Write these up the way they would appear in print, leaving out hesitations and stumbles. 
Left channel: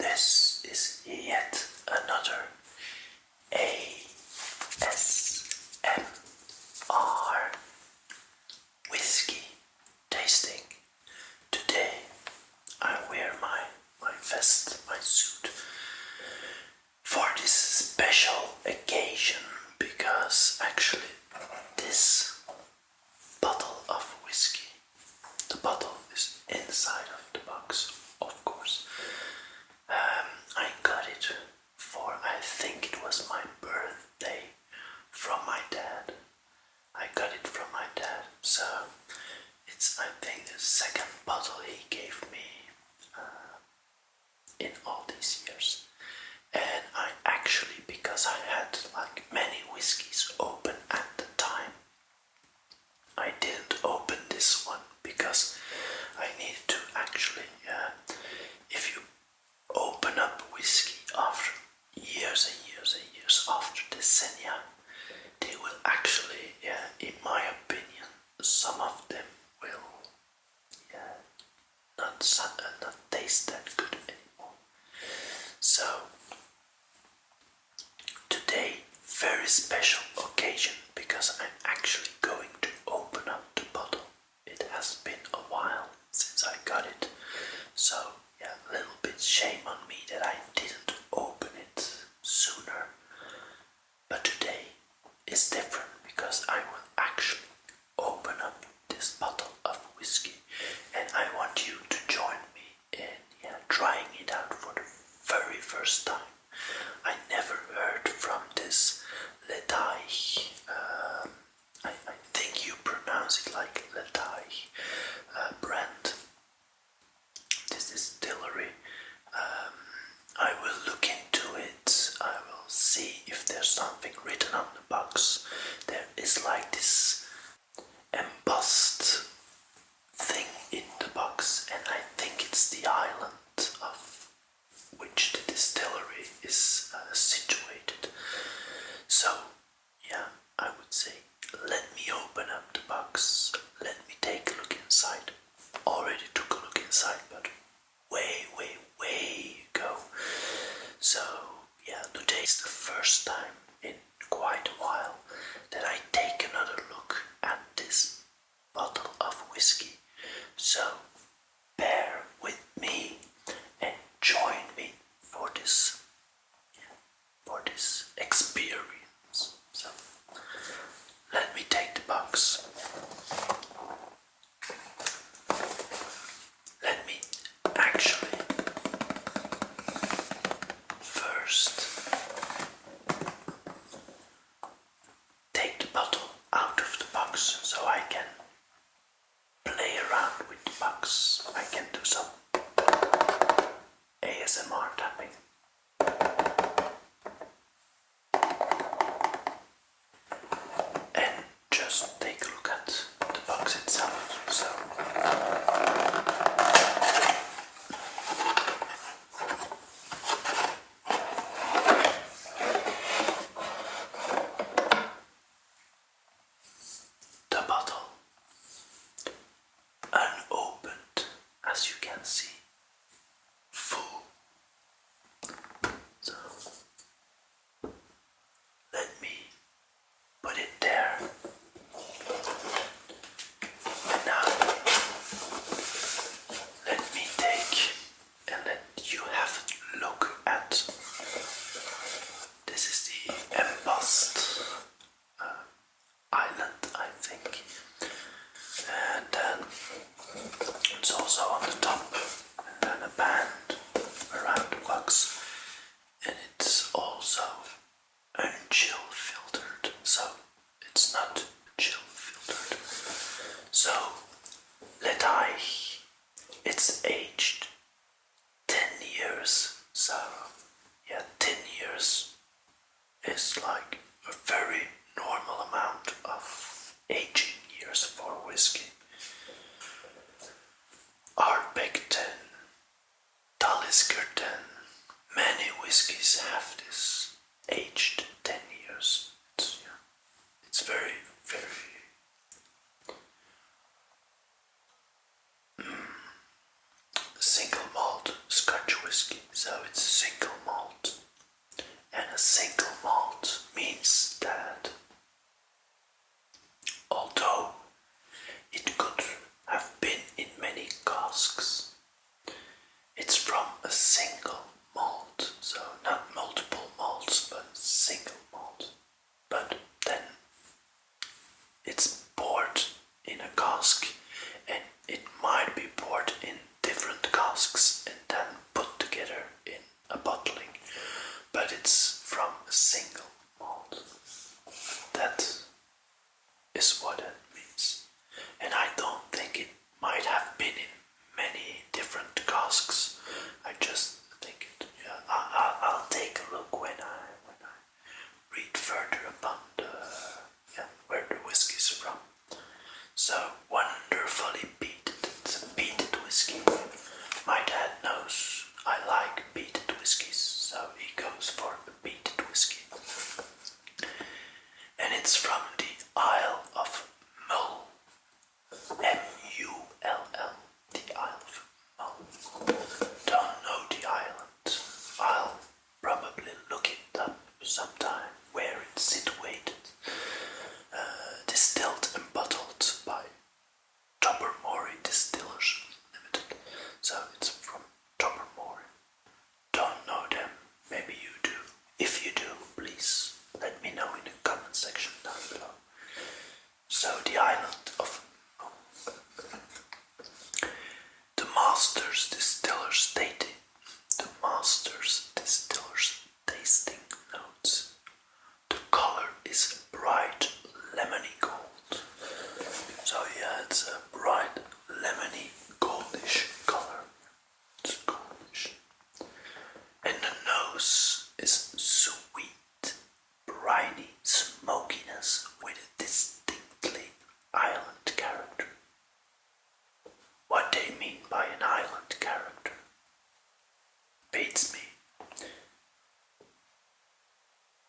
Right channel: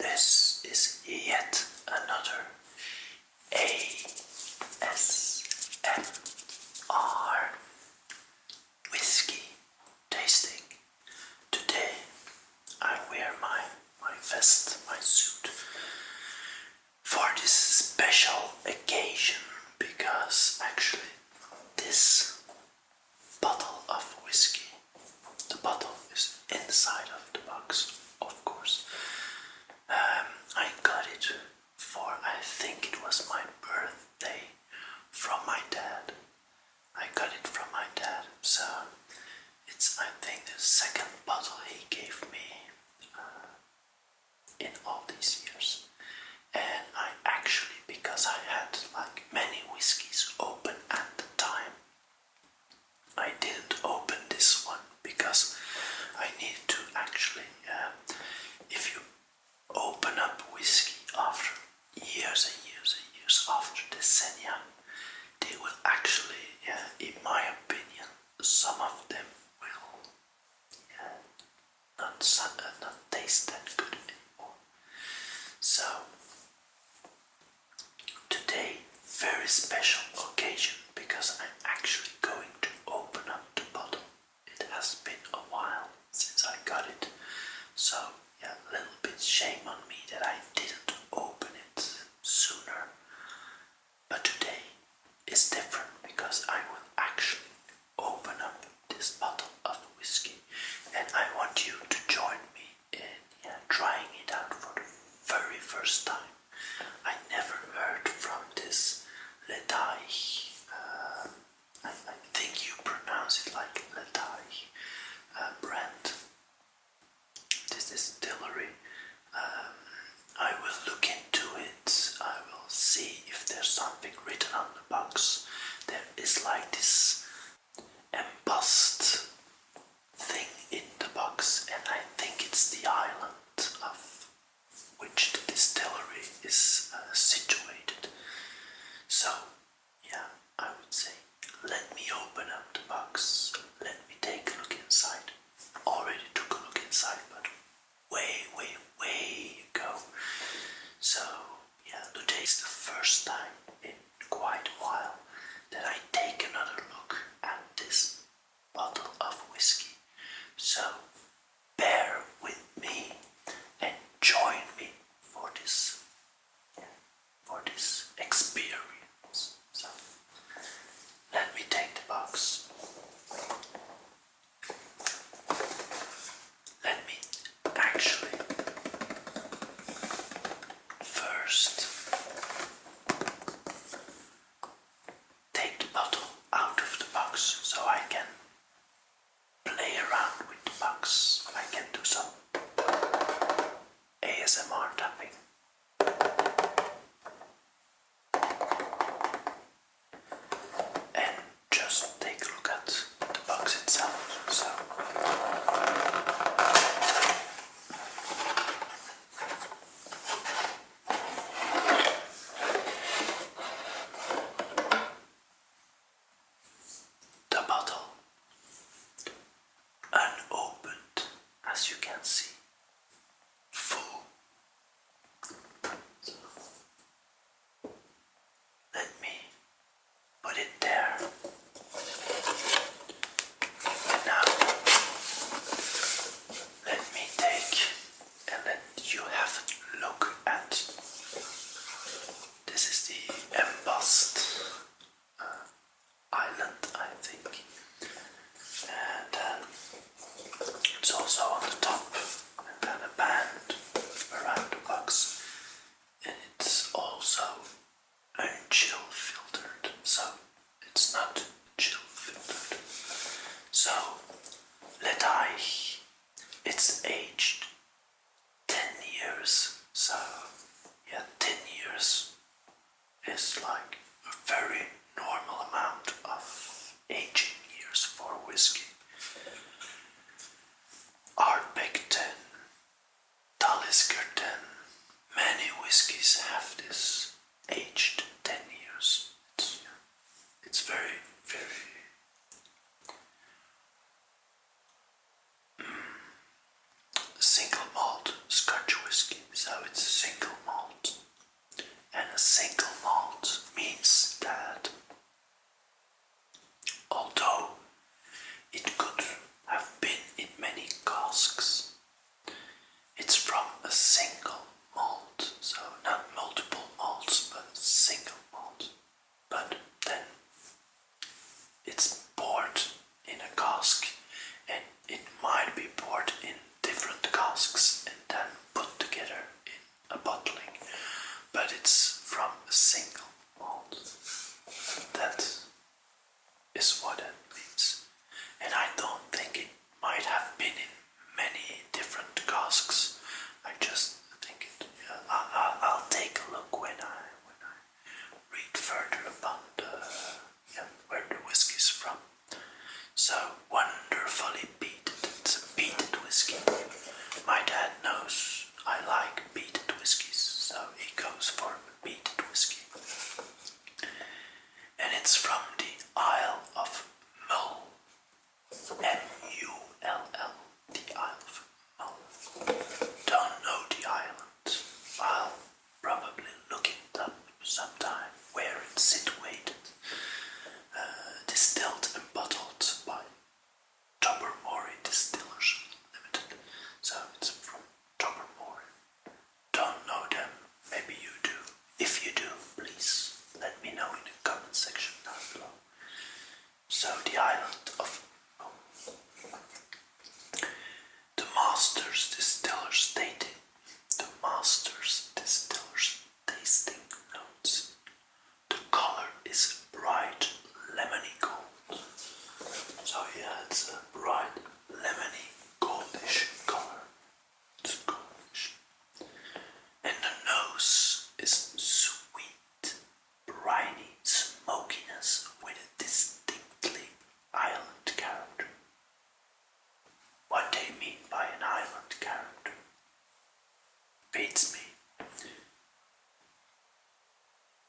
This is yet another ASMR whiskey tasting. Today I wear my vest, my suit, for this special occasion because actually this bottle of whiskey, the bottle is inside of the box, of course. I got it for, I think it was my birthday, from my dad. I got it from my dad, so it's, I think, the second bottle he gave me in all these years. And I actually, because I had like many whiskies open at the time, I didn't open this one because I needed to actually, if you open up whiskey after years and years and years, after decennia, they will actually, in my opinion, some of them will not taste that good anymore. So today, very special occasion because I'm actually going to open up the bottle. It has been a while since I got it, so yeah, a little bit shame on me that I didn't open it sooner. But today is different because I will actually open up this bottle of whiskey, and I want you to join me in trying it out for the very first time. I never heard from this Ledaig, I think you pronounce it like Ledaig brand, this distillery. I will look into it, I will see if there's something written on the box. There is like this embossed thing in the box, and I think it's the island of which the distillery is situated. So yeah, I would say let me open up the box, let me take a look inside. Already took a look inside, but way ago. So yeah, today is the first time in quite a while that I take another look at this bottle of whiskey. So bear with me and join me for this experience. So let me take the box. Let me actually first take the bottle out of the box so I can play around with the box. I can do some ASMR tapping. And just take a look at the box itself. So the bottle, unopened, as you can see, full. So let me put it there. And now let me take and let you have a look at. This is the embossed island, I think. And then it's also on the top, and then a band around the box, and it's also unchill filtered, so it's not chill filtered. So Ledaig, it's aged 10 years, so yeah, 10 years is like a very normal amount of aging years for whiskey. Ardbeg 10, Talisker 10, many whiskies have this aged 10 years. It's very single malt Scotch whiskey, so it's a single malt. And a single malt means that although it could have been in many casks, it's from a single malt, so not multiple malts, but single malt. But then it's poured in a cask, and it might be poured in different casks and then put together in a bottling, but it's from a single malt. That is what it means. And I don't think it might have been in many different casks. I just think it. Yeah, I'll take a look when I read further about where the whiskey's from. So wonderfully peated. It's a peated whiskey. My dad knows I like peated whiskies, so he goes for the peated whiskey. And it's from the Isle of Mull. M-U-L-L. The Isle of Mull. Don't know the island. I'll probably look it up sometime where it's situated. Distilled and bottled by Tobermory Distillers Limited. So it's from Tobermory. Don't know them. Maybe you do. If you do, please let me know in the comment section down below. So the island of the Masters Distillers stating the Masters Distillers tasting notes. The color is bright lemony gold. So yeah, it's a bright lemony goldish color. It's goldish. And the nose is sweet, briny smokiness with a distinctly island character. What they mean by an island character beats me.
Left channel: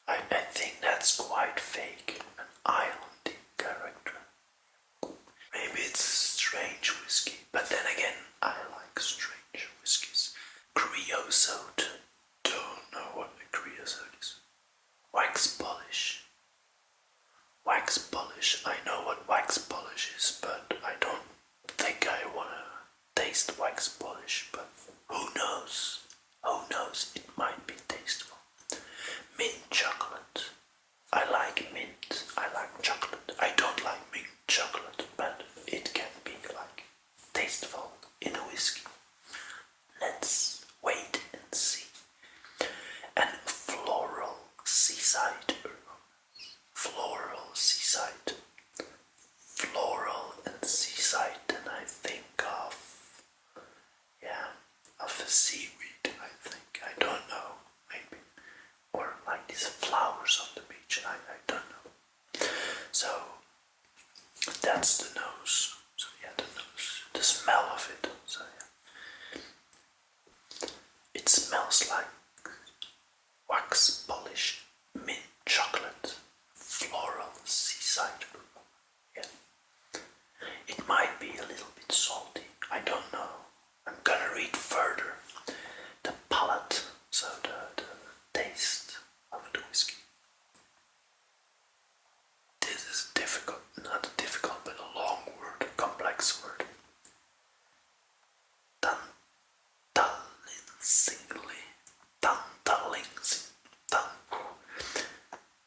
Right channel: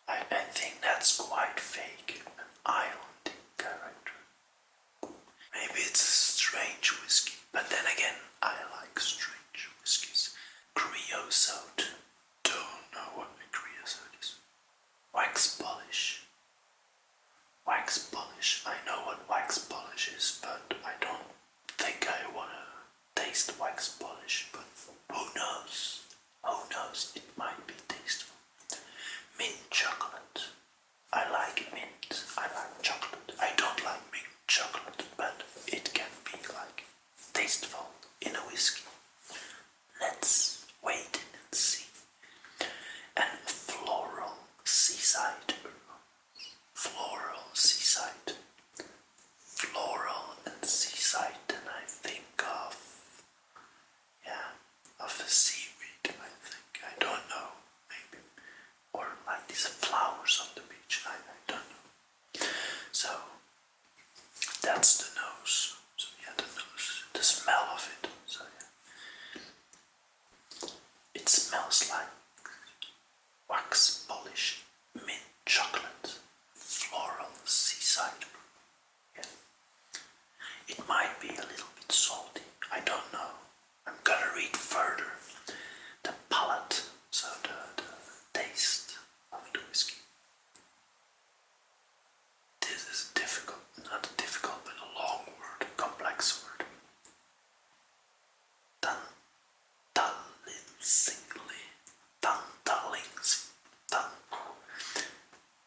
I think that's quite fake, an island character. Maybe it's a strange whiskey, but then again, I like strange whiskies. Creosote. Don't know what a creosote is. Wax polish. Wax polish. I know what wax polish is, but I don't think I wanna taste wax polish, but who knows? Who knows? It might be tasteful. Mint chocolate. I like mint. I like chocolate. I don't like mint chocolate, but it can be like tasteful in a whiskey. Let's wait and see. And floral seaside. Floral seaside. Floral and seaside, and I think of seaweed, I think. I don't know, maybe. Or like these flowers on the beach, I don't know. So that's the nose. So yeah, the nose, the smell of it. So yeah. It smells like wax polish, mint chocolate, floral seaside. Yeah. It might be a little bit salty. I don't know. I'm gonna read further the palate, so the taste of the whiskey. This is difficult, not difficult, but a long word, a complex word.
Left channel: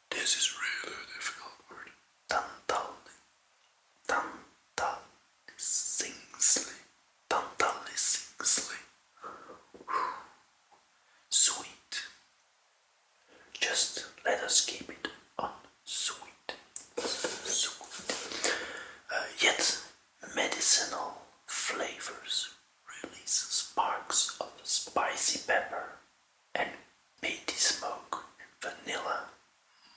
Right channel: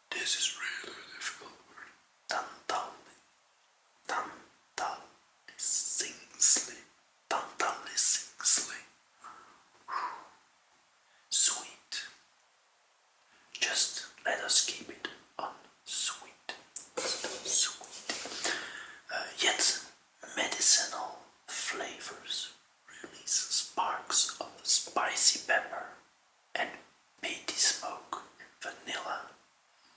This is really a difficult word. Sweet. Just let us keep it on sweet. Sweet. Yet medicinal flavors release sparks of spicy pepper and peaty smoke and vanilla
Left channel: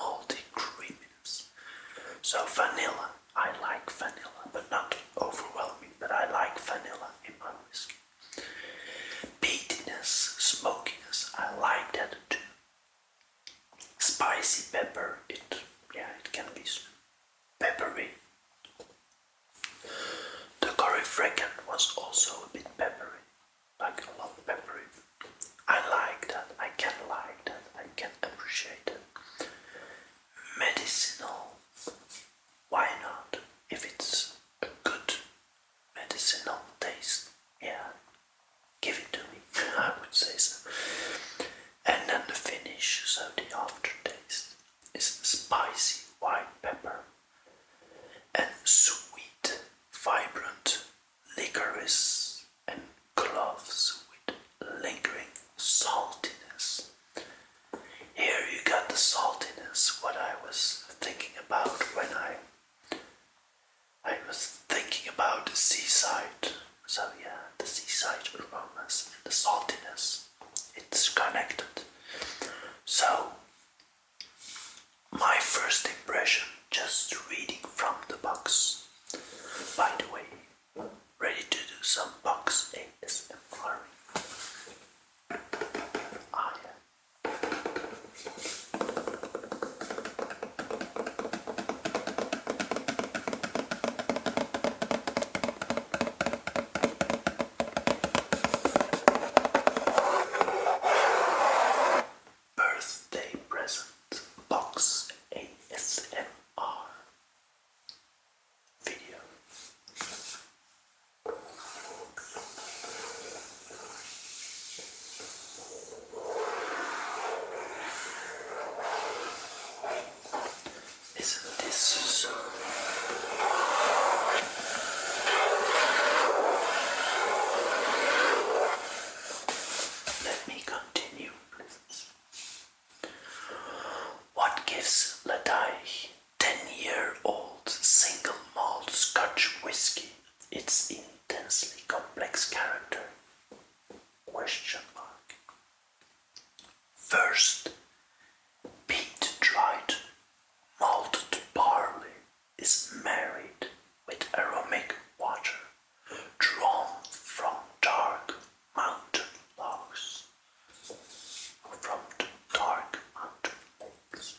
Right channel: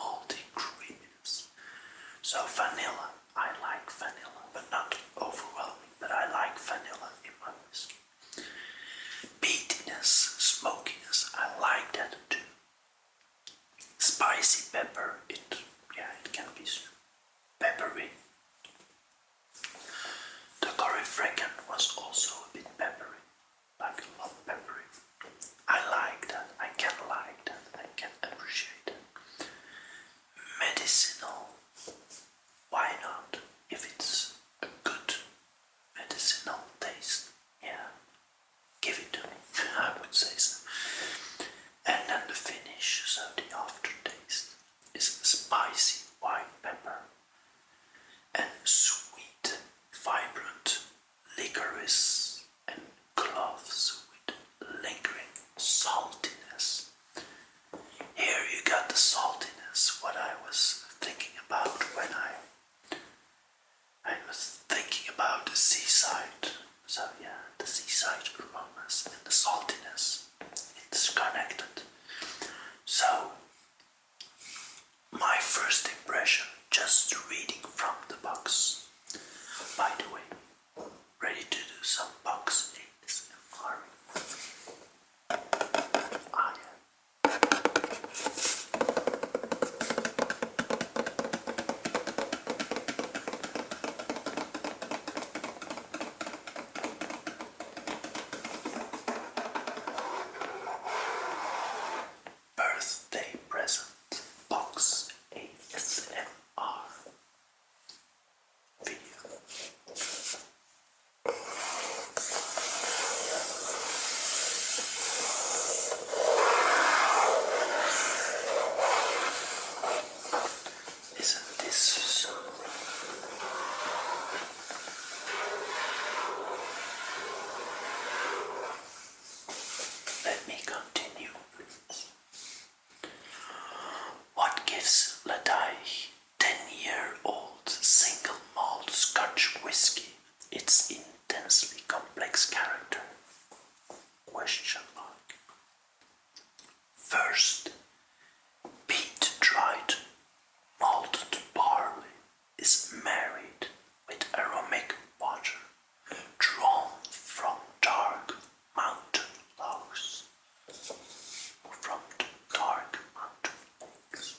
malty creaminess. So vanilla, I like vanilla, but not overwhelming, but I like vanilla in my whiskey. Peatiness, smokiness, I like that too. Spicy pepper, it can be peppery. The curry fragrant was also a bit peppery, like a lot peppery. saltiness. Here you got the saltiness, what I was thinking about when I was thinking about the seaside. So yeah, the seaside aromas and the saltiness, it's connected. So, my first impression, just reading from the box. By the way, ready to do some box ASMR. Ah, yeah. Birthday present box ASMR video. Isn't this so? Let me continue, please. What gives Ledaig 10-year-old single malt Scotch whisky its intensely complex character? Question mark. First, peat dried malted barley is married with aromatic water drawn from dark mountain logs, from the dark mountain lakes,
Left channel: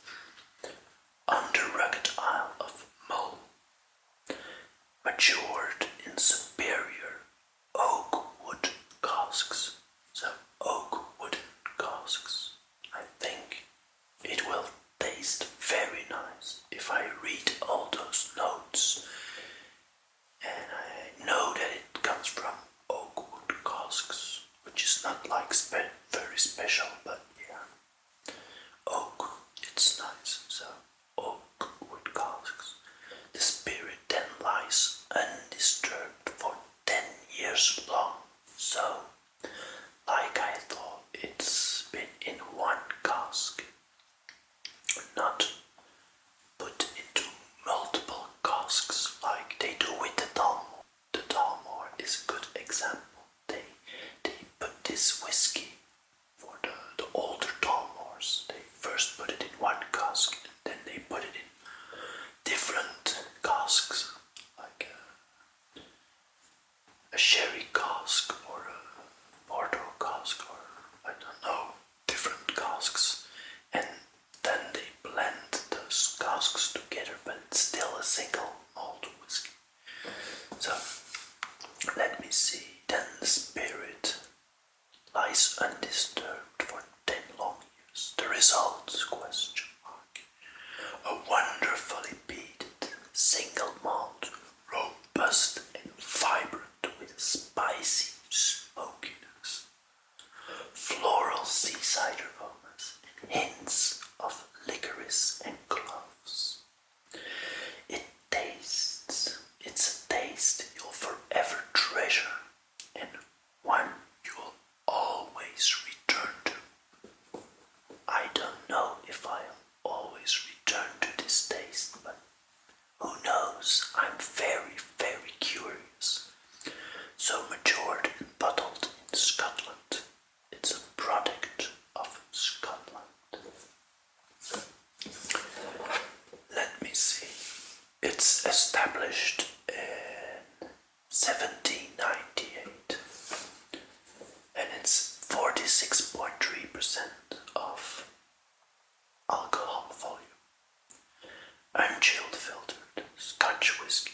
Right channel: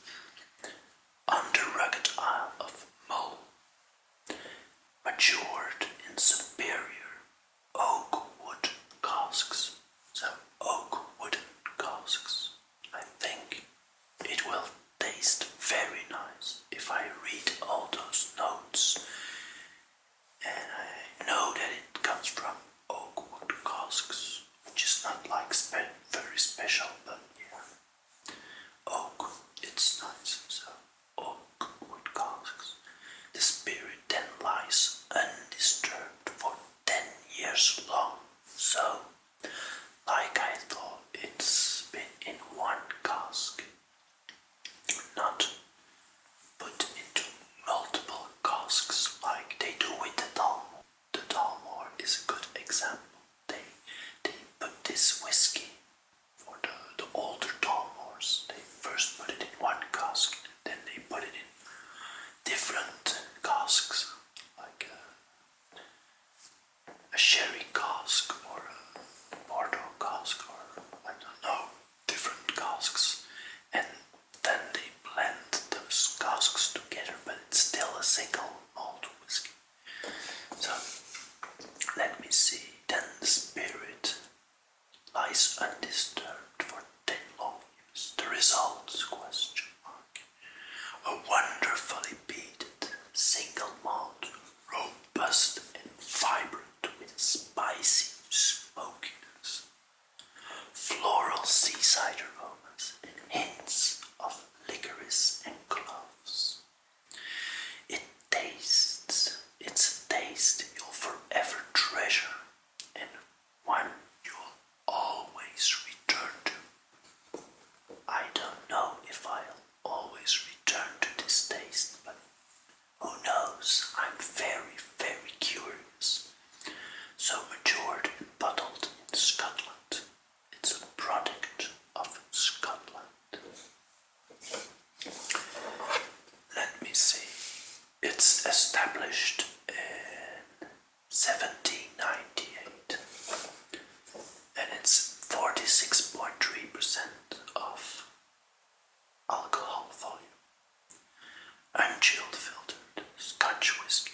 on the rugged Isle of Mull, matured in superior oak wood casks. So oak wooden casks. I think it will taste very nice if I read all those notes, and I know that it comes from oak wood casks, which is not like very special, but yeah, oak, it's nice. So oak wood casks. The spirit then lies undisturbed for 10 years long. So, like I thought, it's been in one cask, not put into multiple casks like they do with the Dalmore. The Dalmore is a good example. They put this whiskey for the older Dalmores. They first put it in one cask, then they put it in different casks, like a sherry cask or a porter cask, or I don't know, different casks, and then they blend those casks together, but it's still a single malt whiskey. So let me see. Then the spirit lies undisturbed for 10 long years. The results? Question mark. A wonderfully peated single malt, robust and vibrant with spicy smokiness, floral seaside aromas, and hints of licorice and cloves. It's a taste you'll forever treasure, and one you will always return to. I don't know if I'll always return to this taste, but who knows? I'm very, very curious. So matured and bottled in Scotland. It's a product of Scotland. Let me see. It's established in 1798, and it's 46.3% of alcohol volume. Unchilled filtered Scotch whisky.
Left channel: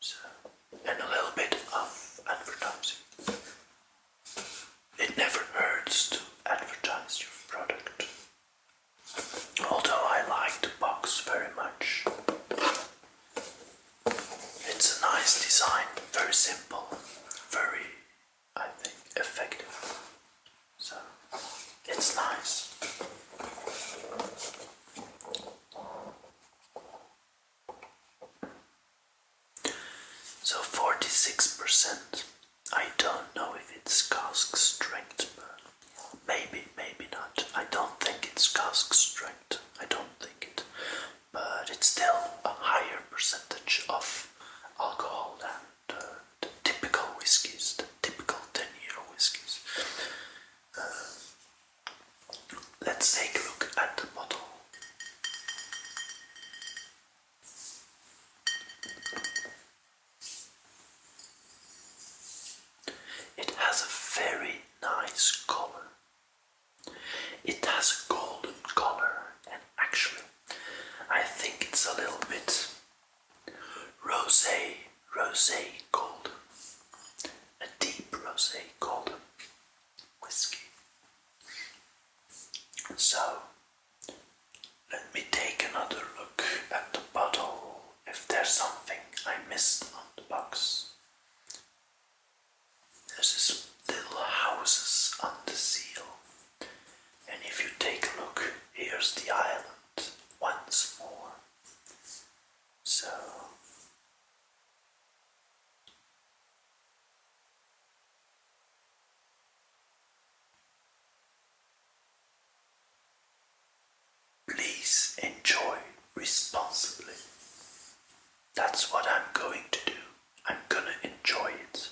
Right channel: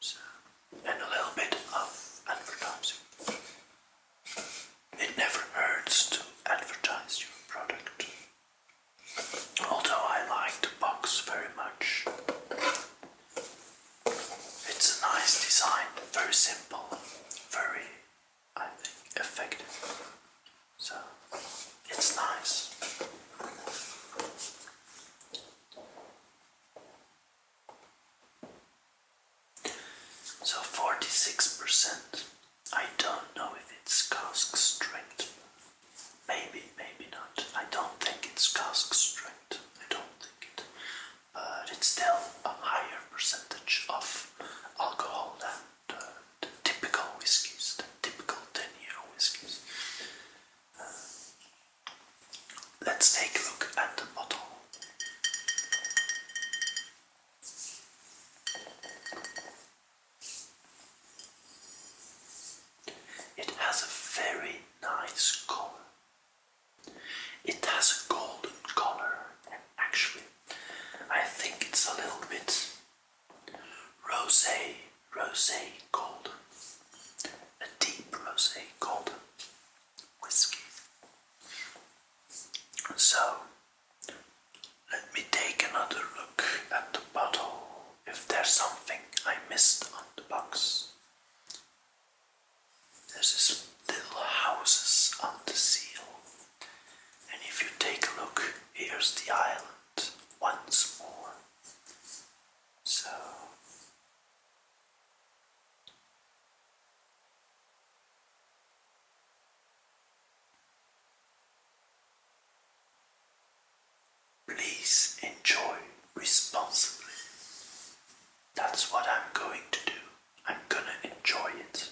So, and a little bit of advertising. It never hurts to advertise your product. Although I like the box very much. It's a nice design, very simple, very, I think, effective. So, it's nice. So 46%. I don't know if it's cask strength, but So, let me take another look at the bottle, if there's something I missed on the box. There's this little houses on the seal, and if you take a look, here's the island once more. So, please enjoy responsibly. That's what I'm going to do. I'm gonna enjoy it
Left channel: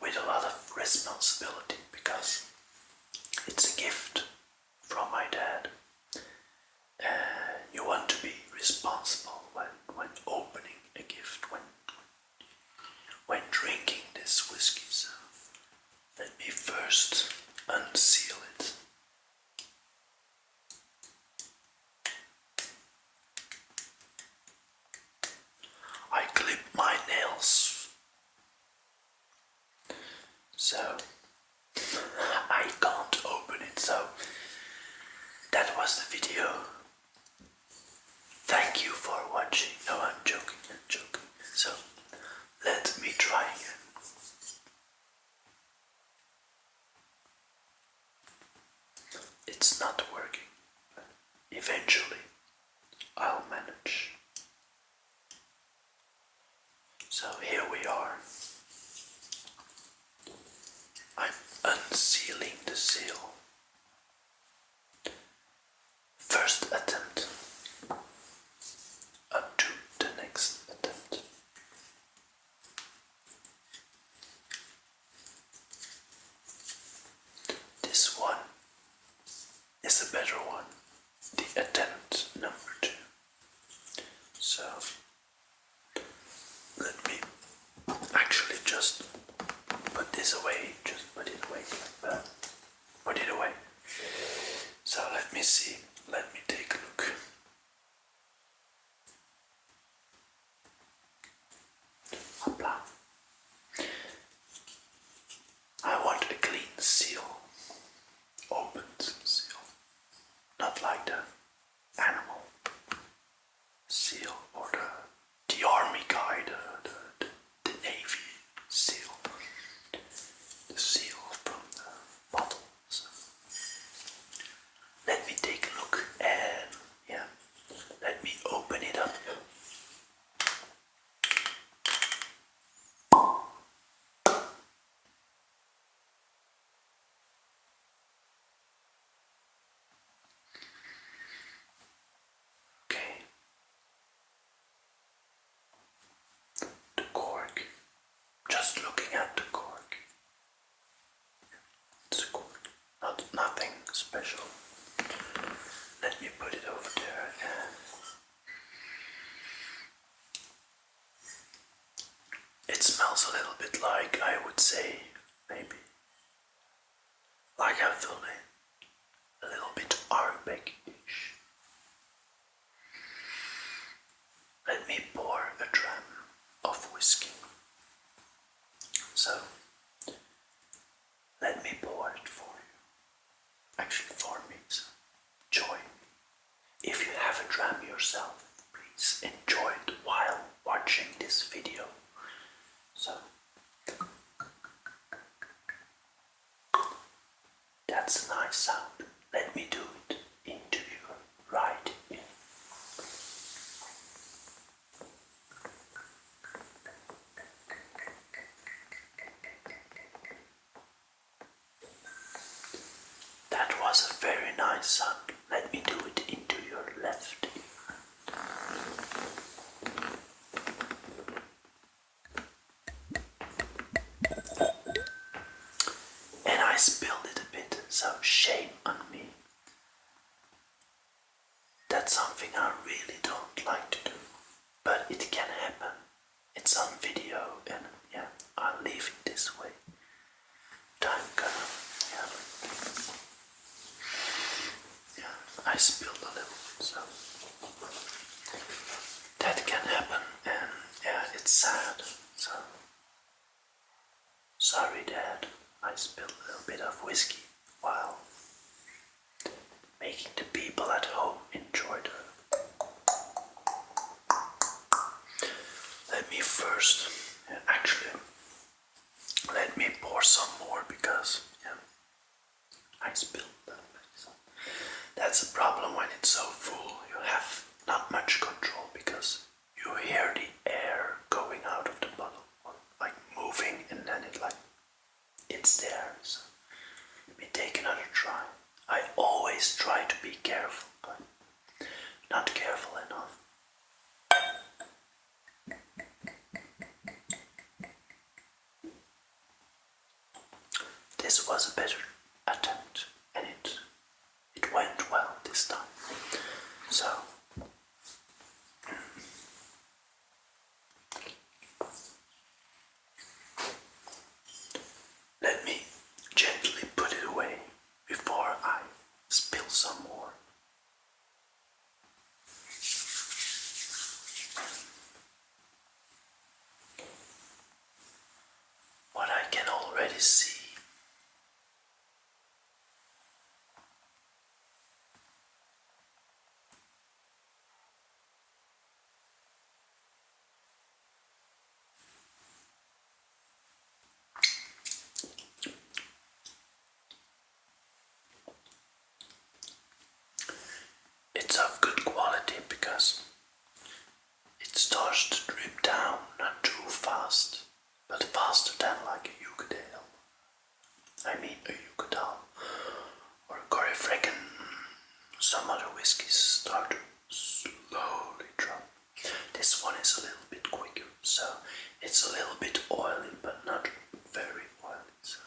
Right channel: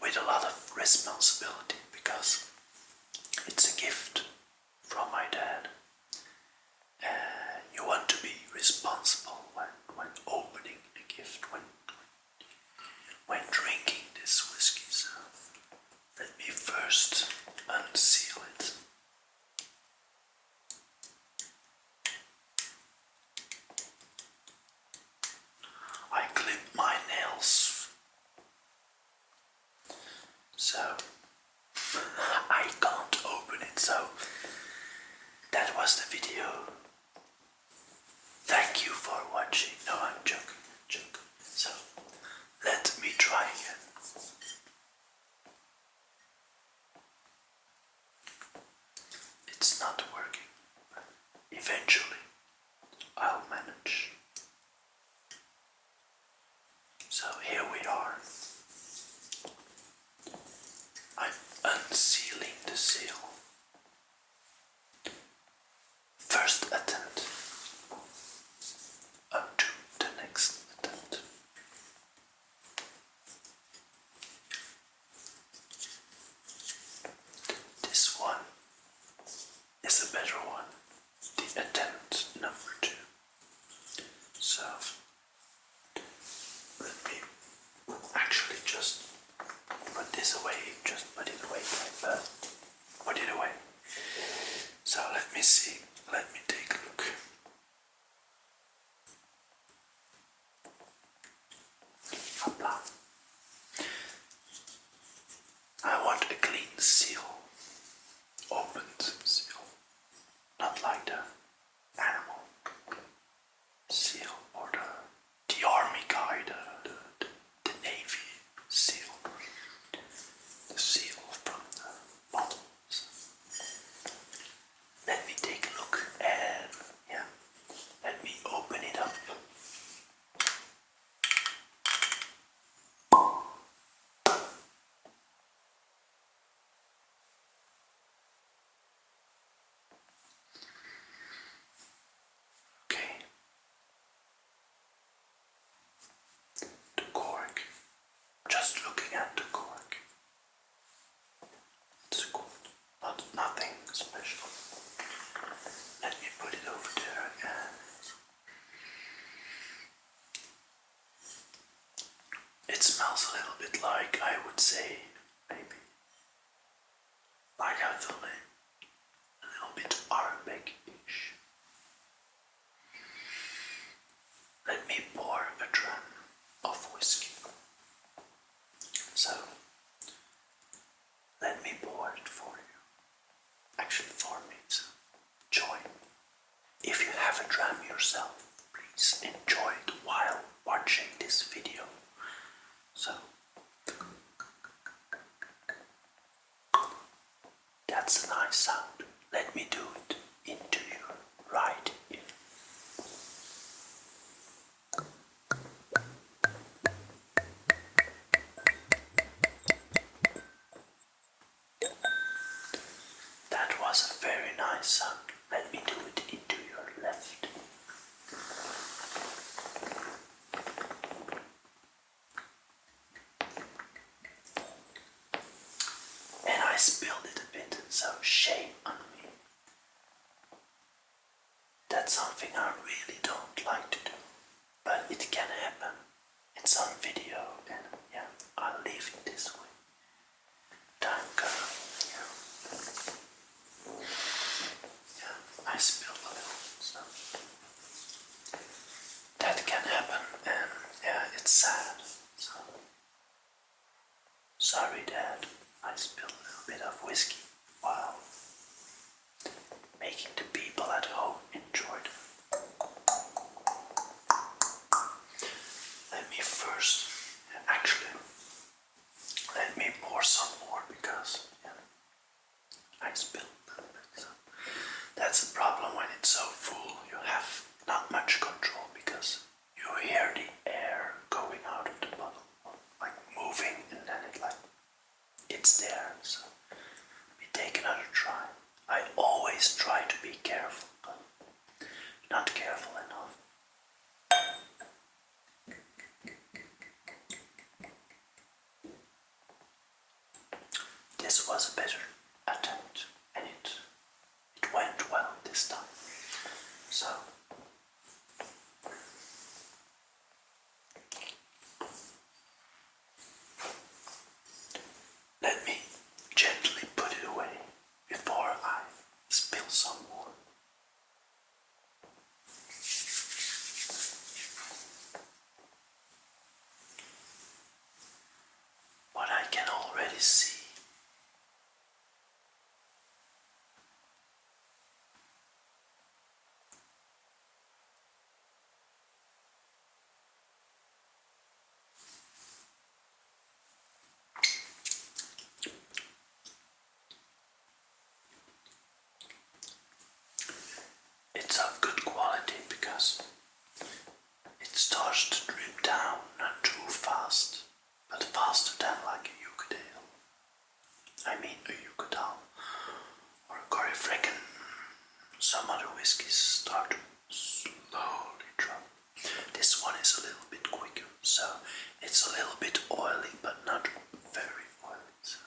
with a lot of responsibility because it's a gift from my dad. You want to be responsible when opening a gift, when drinking this whiskey. So let me first unseal it. I clip my nails, so I can't open it, so that was the video. Thank you for watching. No, I'm joking. So, let me try again. It's not working. Eventually, I'll manage. So here we are. I'm unsealing the seal. First attempt. Up to the next attempt. This one is a better one. The attempt number 2. So let me actually just put this away. Just put it away. Put it away. So let me see. Let me take a look. Hopla. I want a clean seal. Opened seal. Not like the animal seal or the army guy, the navy seal. The seal from the bottle. So let me take a look and yeah, let me open it up. Okay. The cork. Just looking at the cork. It's a cork. Nothing special. Let me put it over there and it smells a little bit like, I would say, maybe like a fillet. A little bit Arabic-ish. Let me pour a dram of whiskey. So, let me pour it for you. Actually, for me. So join me. If you have a dram yourself, please enjoy it while watching this video. So, that's a nice sound. Let me do it into you right here. That was a very nice sound. Let me do it into your left ear. And I spilled it a bit, so shame on me. That's something I really don't like to do. But it can happen. It's on video and yeah, I'll leave it this way. Time comes. Yeah, I spilled a little, so that can happen, and yeah, it's sad. So sorry, Dad. I spilled a little bit of whiskey while making the people at home enjoy it. Let me first, actually, let me pour some more because I spilled them. So that's a problem when it's so full. You have not much control because you hear the air going out of the bottle, like moving, and then it's there. So let me take another try. I always try to be careful, but not careful enough. This was a better attempt, and it went well this time. So let me gently put it away before I spill some more. What I can already see, it's of good quality because it starts to drip down, not too fast, but faster than like a Yucadale. I mean a Yucadale or a Corifrecken. Some other whiskies start to slowly drop. This one is a little bit quicker, so it's a little bit oily, but not very oily. So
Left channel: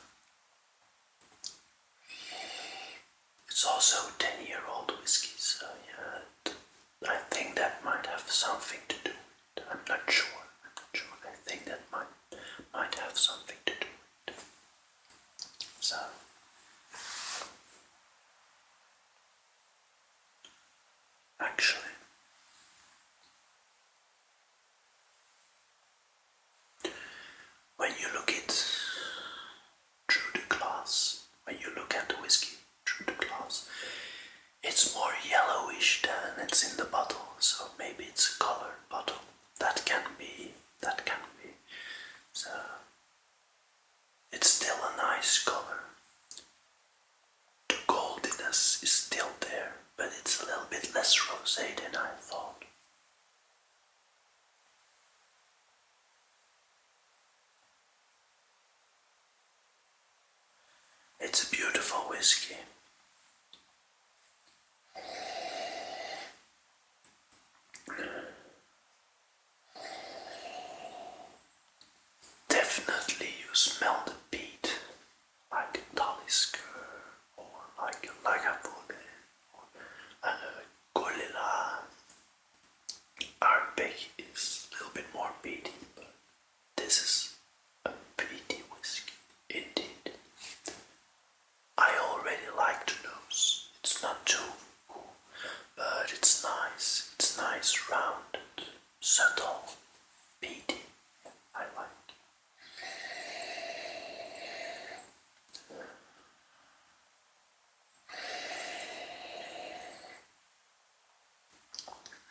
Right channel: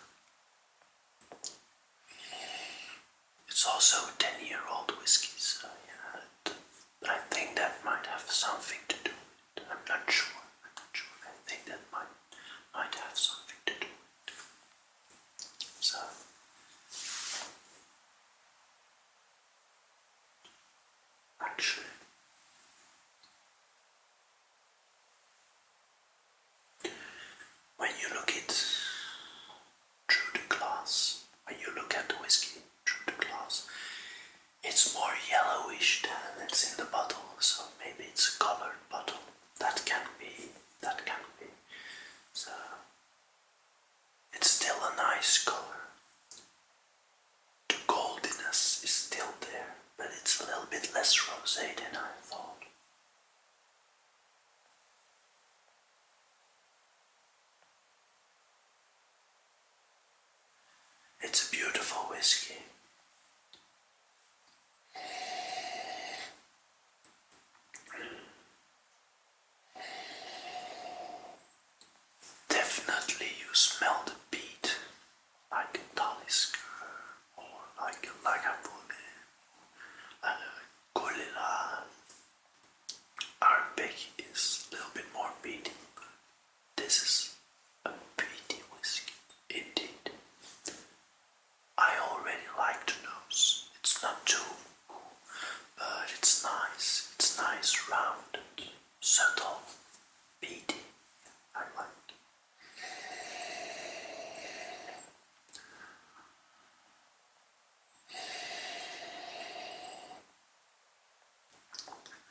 it's also a 10-year-old whiskey, so yeah, I think that might have something to do with it. I'm not sure. I think that might have something to do with it. So actually, when you look it through the glass, when you look at the whiskey through the glass, it's more yellowish than it's in the bottle, so maybe it's a colored bottle. That can be. So it's still a nice color. The goldiness is still there, but it's a little bit less rosé than I thought. It's a beautiful whiskey. Definitely you smell the peat, like a Talisker, or like a Lagavulin, or a Golila. Ardbeg is a little bit more peaty, but this is a peaty whiskey, indeed. I already like the nose. It's not too cool, but it's nice. It's nice, rounded, subtle, peaty. I like.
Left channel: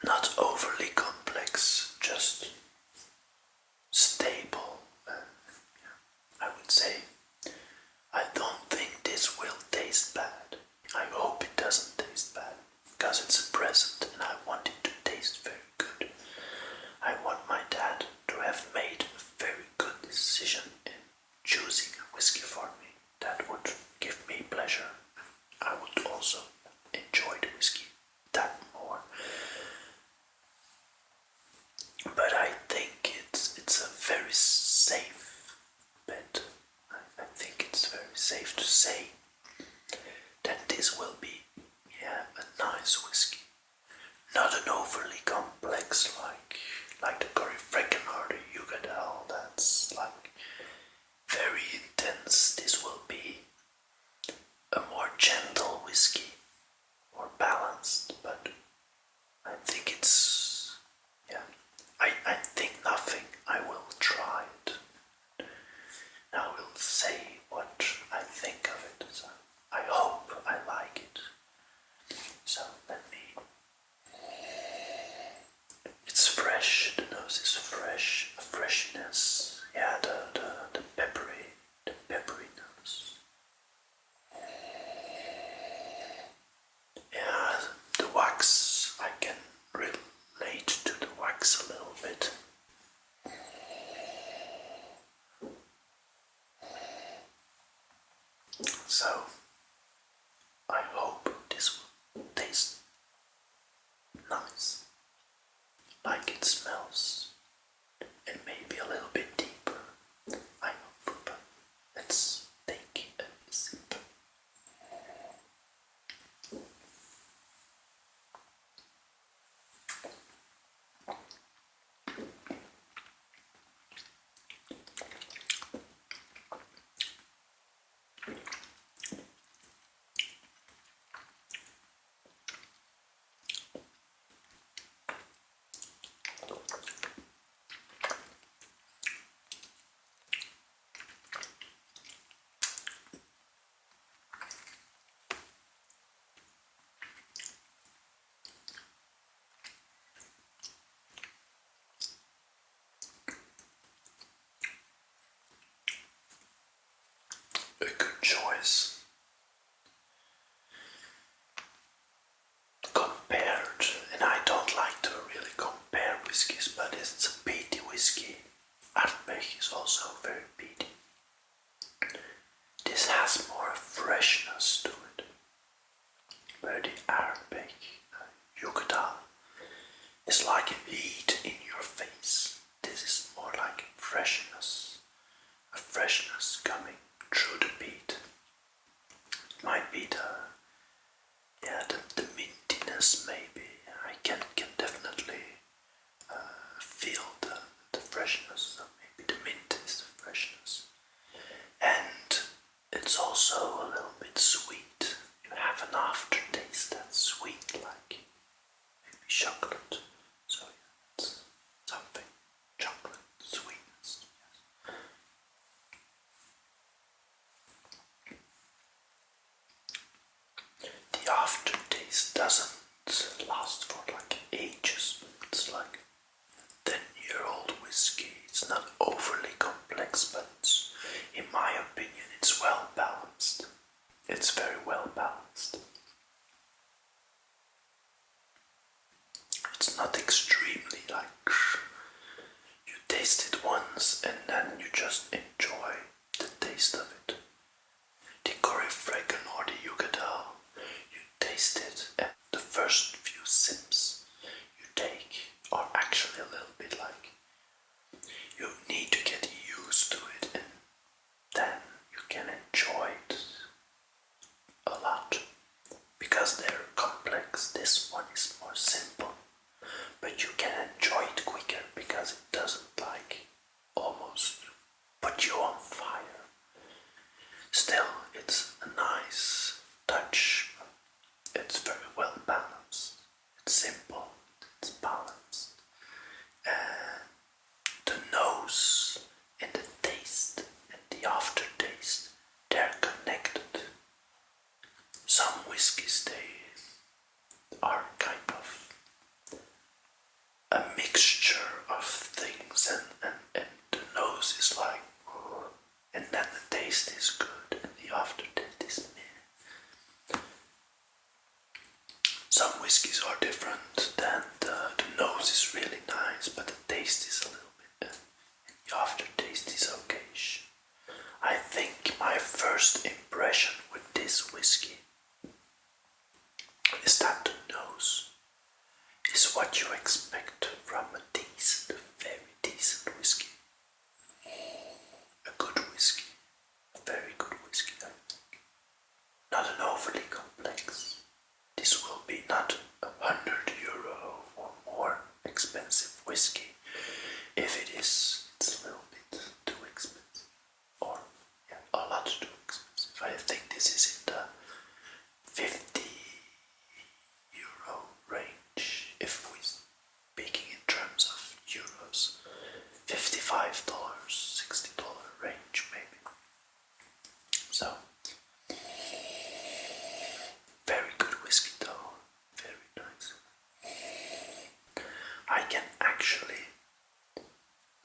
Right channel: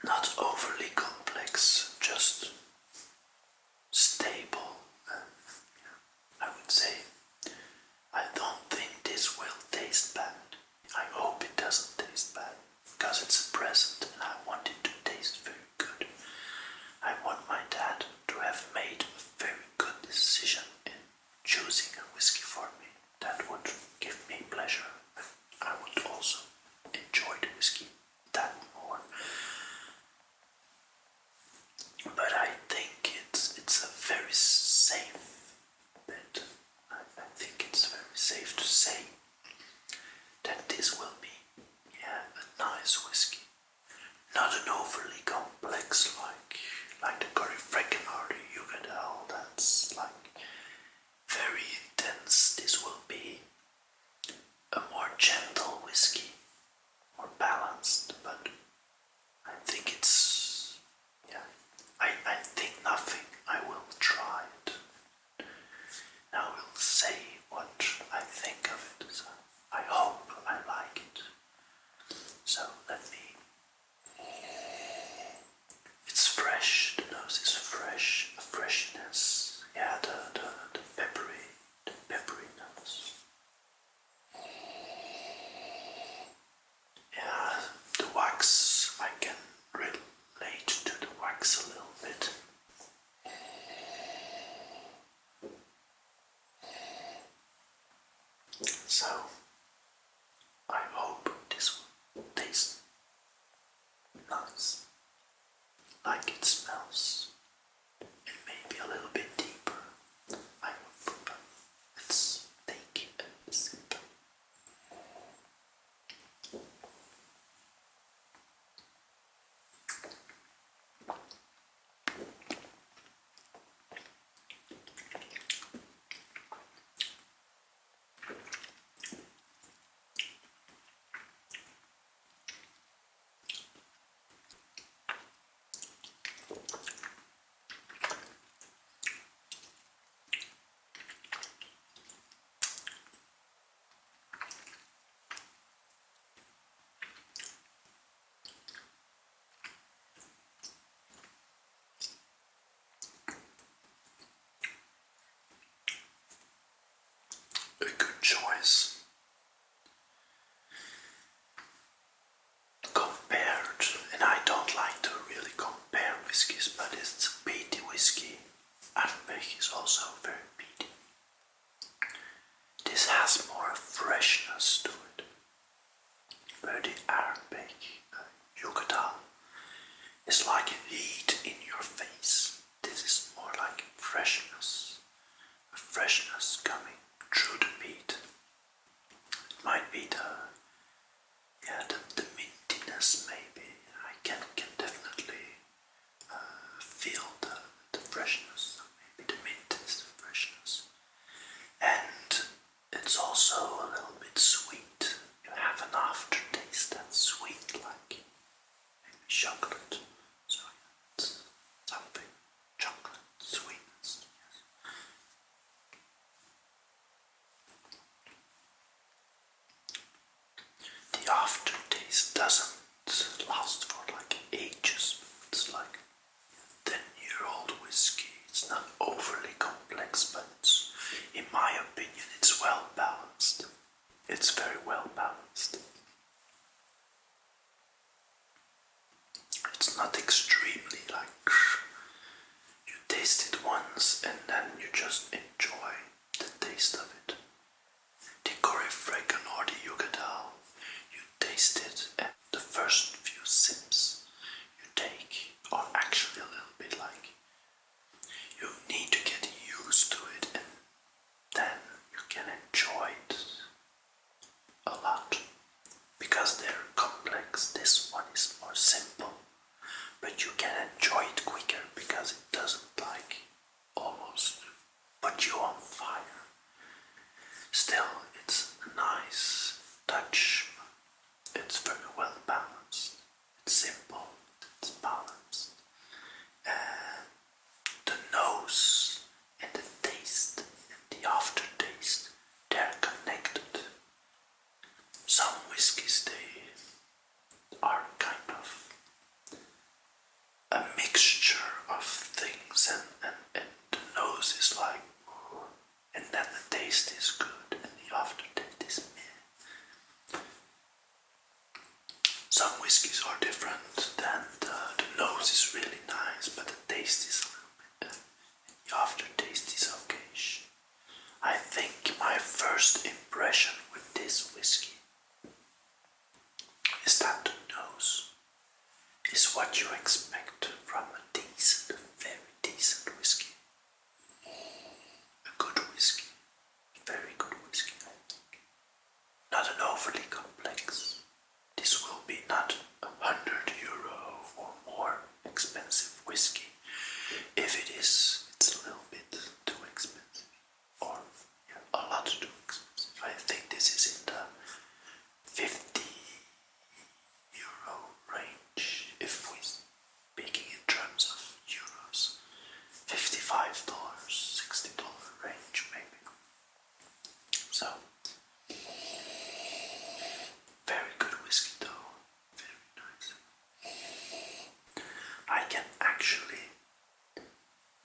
Not overly complex, just stable, and I would say I don't think this will taste bad. I hope it doesn't taste bad because it's a present and I want it to taste very good. I want my dad to have made a very good decision in choosing a whiskey for me. That would give me pleasure. I would also enjoy the whiskey that more. But I think it's a very safe bet. I nice. Like it smells. And maybe a little bit deeper. I hope. Let's take a sip. A good choice. Compared, and I don't like to really compare whiskies, but it's a peaty whiskey. Ledaig is also very peaty. This has more freshness to it. Where the Ledaig Yucatan is like heat in your face. This is more like freshness. A freshness coming through the peat. It might be the mintiness maybe. I can definitely feel the freshness. Maybe the mint is the freshness. And it's also a little bit sweet. You have an aftertaste that's sweet, like maybe chocolate. So yeah, it's something. Chocolate sweetness, yes. The aftertaste doesn't last for like ages. It's like 10-year-old whiskey. It's not overly complex, but in my opinion, it's well balanced. It's very well balanced. It's not extremely like you taste it once and then you just enjoy the taste of it. The Corifregan or the Yucatan, you taste it and the first few sips you take are actually a little bit like you need to get used to it and then you can enjoy it a lot because they're complex. This one is more simple, but you can enjoy it quicker because it doesn't like almost put you on fire. Still, it's a nice touch. It's very well balanced. It's simple. It's balanced. And the nose and the taste and the aftertaste, they're connected. Some whiskies, they are kind of a mixture of things and the nose is like, and then the taste is good and the aftertaste is meh. Some whiskies are different, then the nose is really nice, but the taste is a little bit, and the aftertaste is okay. I think my first impression with this whiskey is that the nose is what you expect from a decent, very decent whiskey. A good whiskey. Very good whiskey. Not an overly complex. This will be not €100 or more expensive whiskey. If it is, it's a little bit too expensive. Or yeah, a lot too expensive. I think this is in the €50 range. If we're speaking in terms of euros, $55, $60 range maybe. So very good whiskey though, very nice. I can actually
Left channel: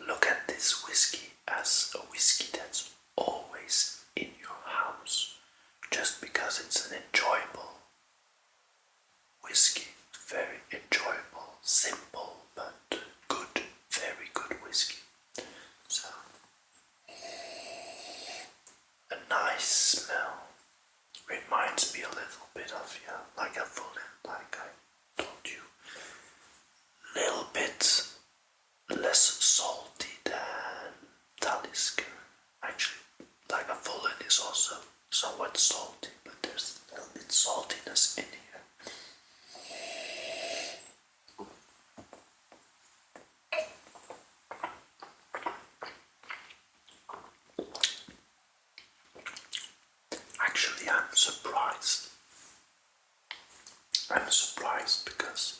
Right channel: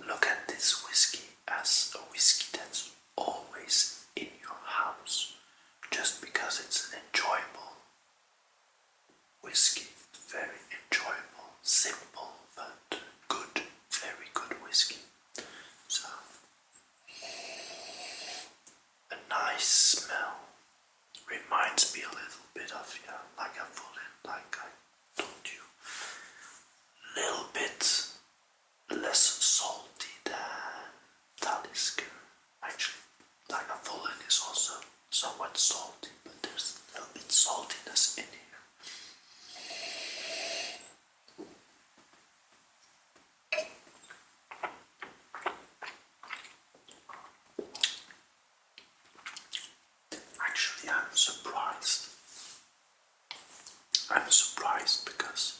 look at this whiskey as a whiskey that's always in your house, just because it's an enjoyable whiskey. Very enjoyable, simple, but good, very good whiskey. So, a nice smell. Reminds me a little bit of, like a Fulham, like I told you. saltiness in here. Actually, I'm surprised. I'm surprised because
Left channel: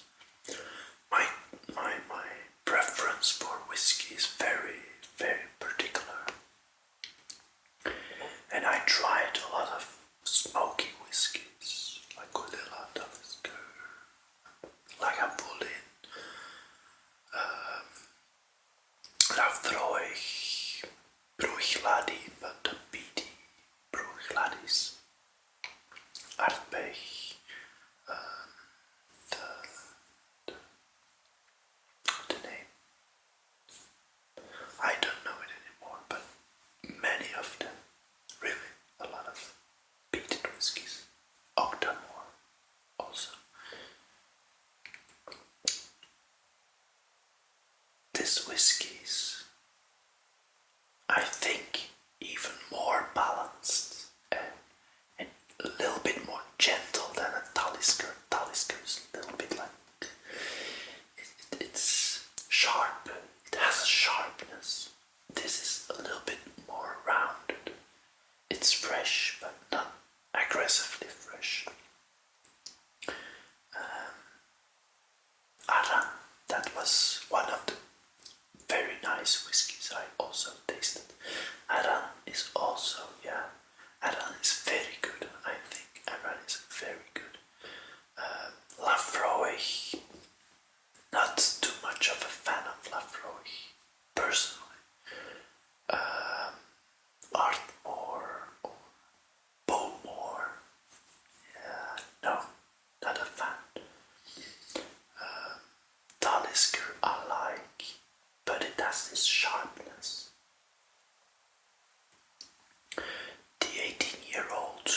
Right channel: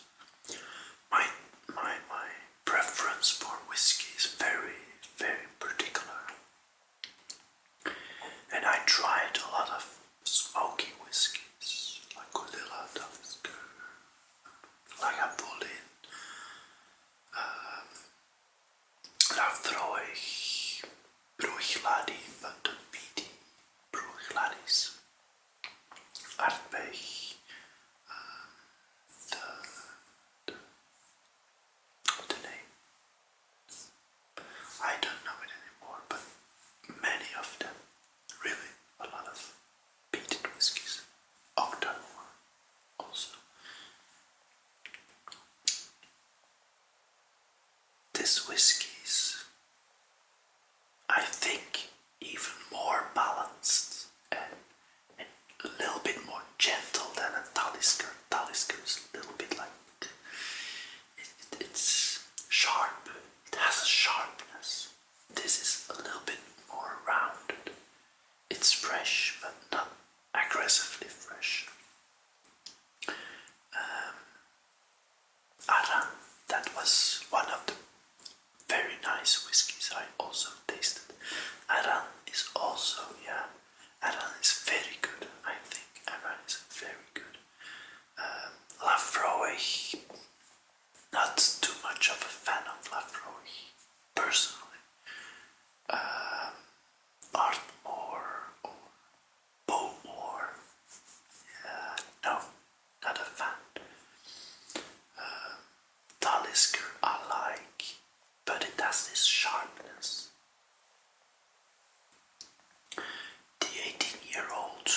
my preference for whiskey is very, very particular. And I tried a lot of smoky whiskies, like Ledaig, like Ledaig, Ledaig, Bruichladdich, but the peated Bruichladdich, Ledaig, the name, I don't know it anymore, but many of them, really, a lot of peated whiskies, Octamore also. This whiskies, I think, even more balanced and a little bit more gentle than a Talisker. Talisker is a little bit like it's sharp. It has a sharpness. This is a little bit more rounded. It's fresh, but not aggressively fresh. Aran, that was one of the very nice whiskies I also tasted. Aran is also, Aran is very good, I think. Aran is very good. Lafroig, not too much of a fan of Lafroig, personally. Ardmore or Bowmore, no, not a fan. Talisker I like, but it has this sharpness. The 18-year-old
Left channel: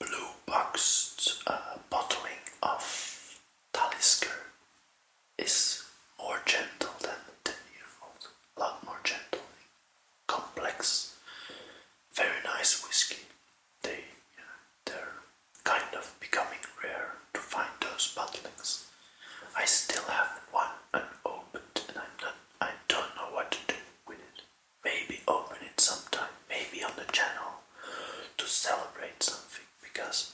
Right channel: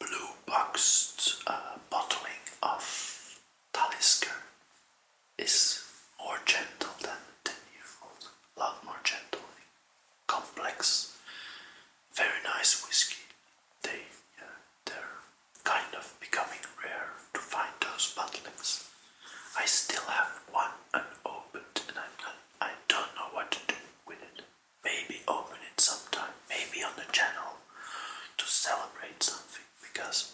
blue boxed bottling of Talisker is more gentle than the 10-year-old, a lot more gentle, complex, very nice whiskey. They're kind of becoming rare to find those bottlings. I still have one unopened and I don't know what to do with it. Maybe open it sometime, maybe on the channel to celebrate something, because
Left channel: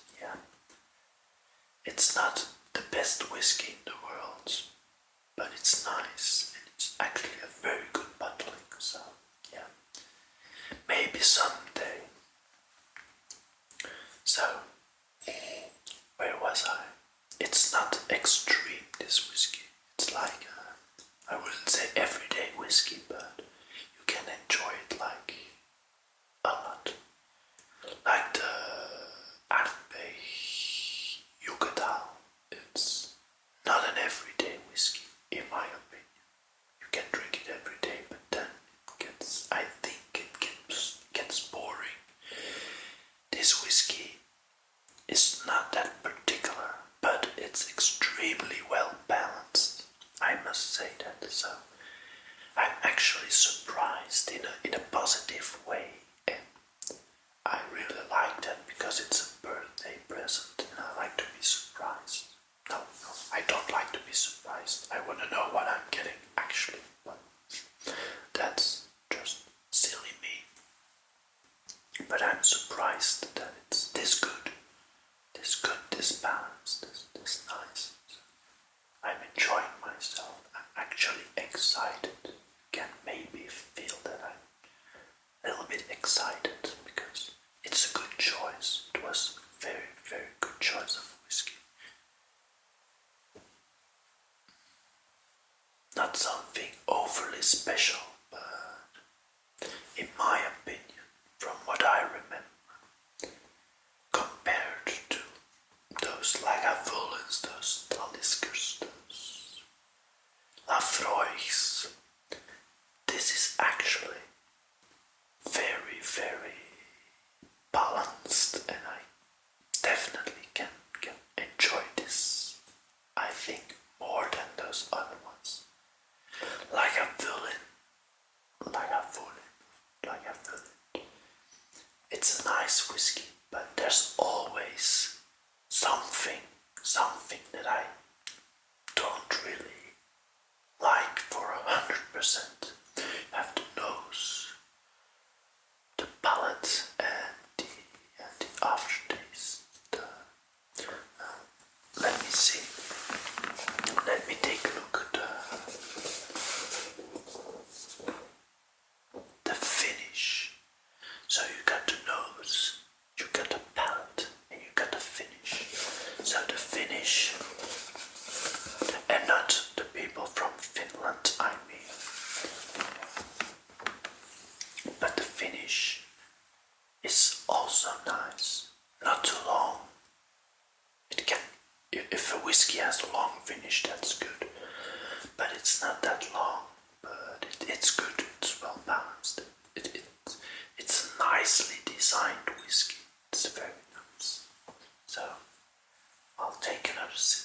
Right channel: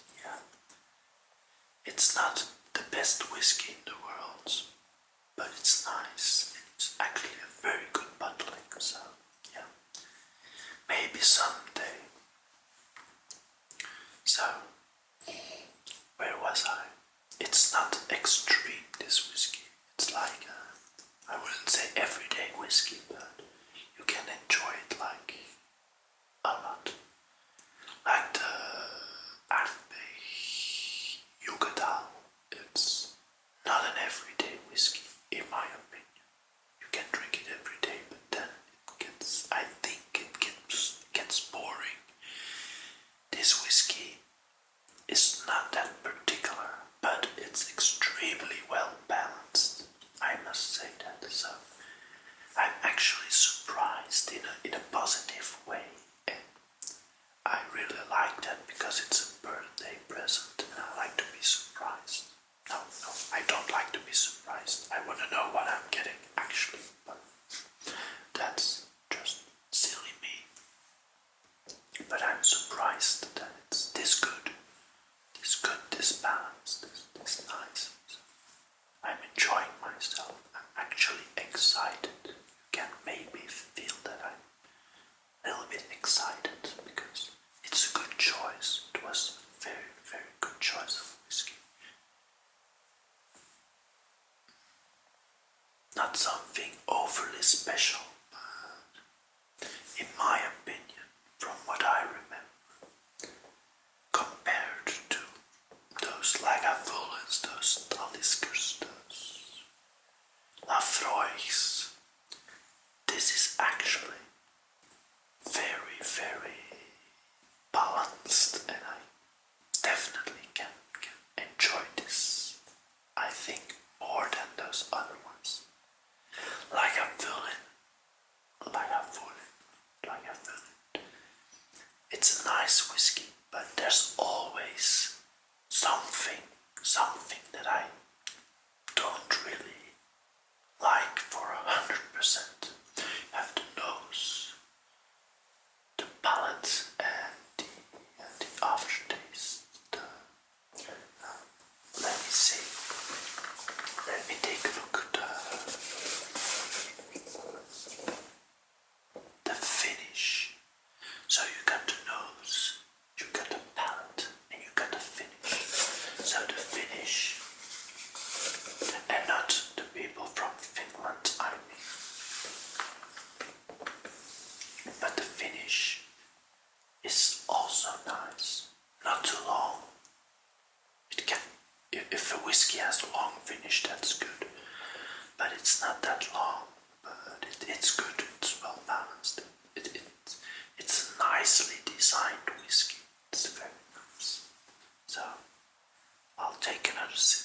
it's not the best whiskey in the world, but it's nice and it's actually a very good bottling, so maybe someday. So, where was I? It's not extreme, this whiskey. It's like, I wouldn't say everyday whiskey, but you can enjoy it like a lot. Like the Ardbeg Yugadal. It's not an everyday whiskey, in my opinion. You can drink it every day, but then I think it gets boring. This whiskey is not that particular, but it's extremely well balanced. I must say that. So I'm actually surprised in a positive way, and I really like that because it's a birthday present, and I like to be surprised. No, I don't like to be surprised. I want to know what I'm getting actually, but that's just silly me. But I'm surprised that it's this good, this balanced, this nice. I'm enjoying myself. I'm actually excited. You can maybe feel that I'm a little bit excited because it's a good choice. It was a very, very good choice of whiskey. Not something overly special, but in my opinion, from what I remember, compared to those Lagavulins, those Taliskers, those Lafroigs, this is actually very, very balanced, and I definitely can enjoy this, I think, more than those other ones. Lagavulin. It's a nice whiskey, but there's all whiskey has a long finish, that's good. But it's not that long, but it's good, it's well balanced. It's a nicely designed whiskey, it's very nice. So, I'll take another sip.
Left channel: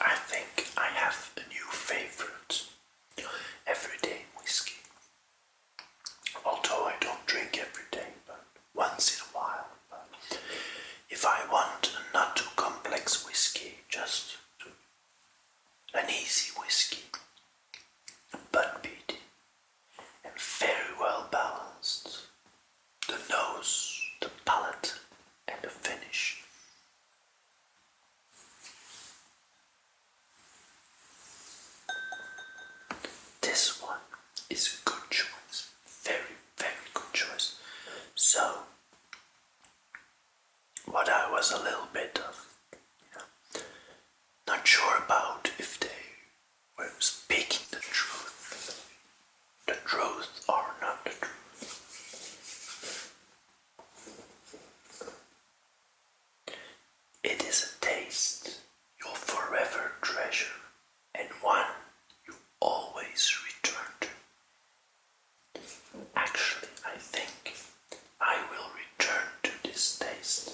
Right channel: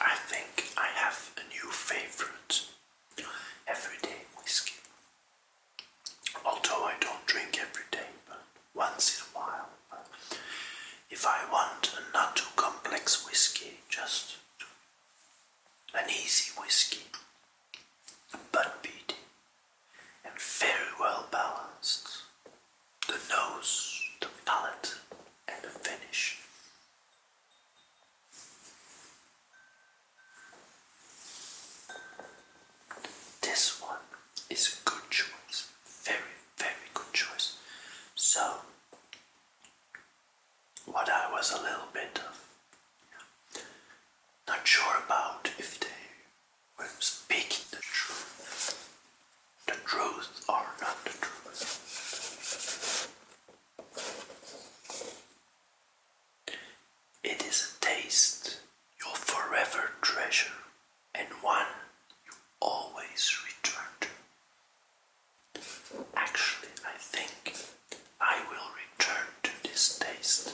I think I have a new favorite everyday whiskey. Although I don't drink every day, but once in a while. But if I want a not too complex whiskey, just an easy whiskey, but peated and very well balanced. The nose, the palate, and the finish. This one is a good choice. Very, very good choice. So, what I was a little bit of not sure about if they were speaking the truth or not the truth. It is a taste you'll forever treasure and one you always return to. Actually, I think I will return to this taste.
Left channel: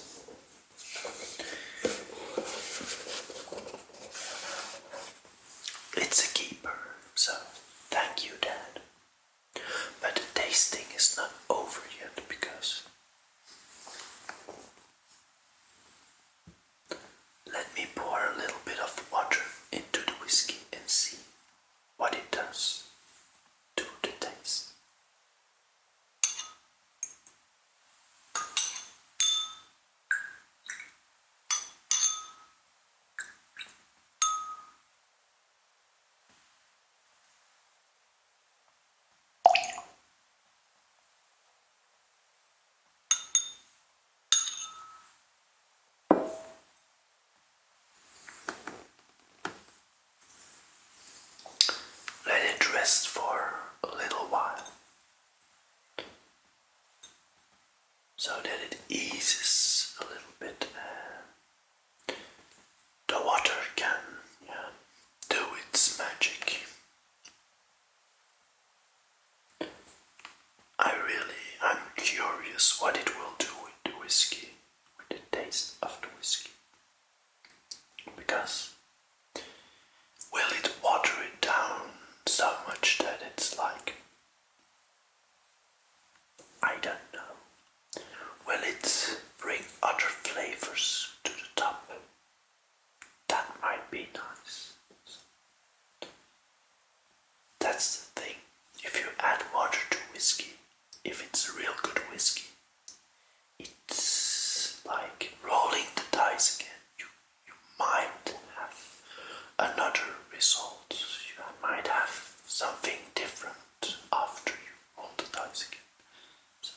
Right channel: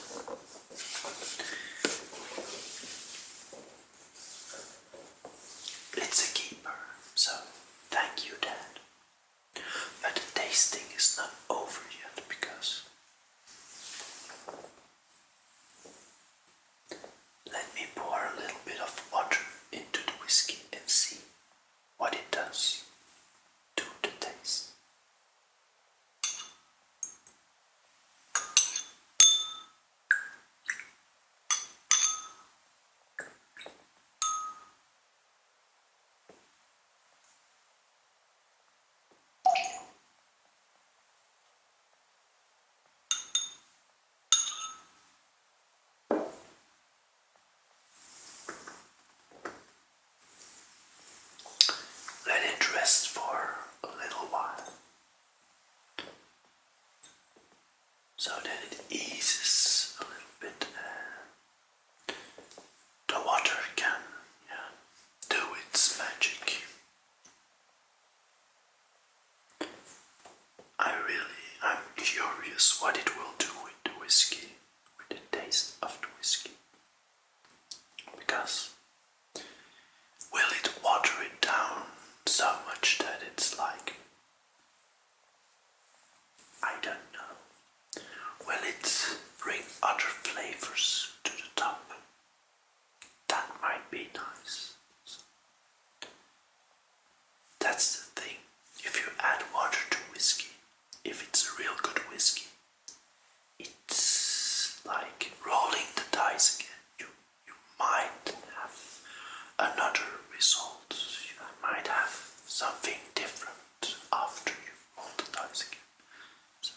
It's a keeper, so thank you, Dad. But the tasting is not over yet because let me pour a little bit of water into the whiskey and see what it does to the taste. Let it rest for a little while so that it eases a little bit and the water can do its magic. I'm curious what it will do with the whiskey, with the taste of the whiskey. Because will it water it down so much that it's like, I don't know. Will it bring other flavors to the top? That might be nice. That's the thing. If you add water to whiskey, if it's a real good whiskey, it's like rolling the dice again. You might have another result. You might have something different after you roll the dice again. So.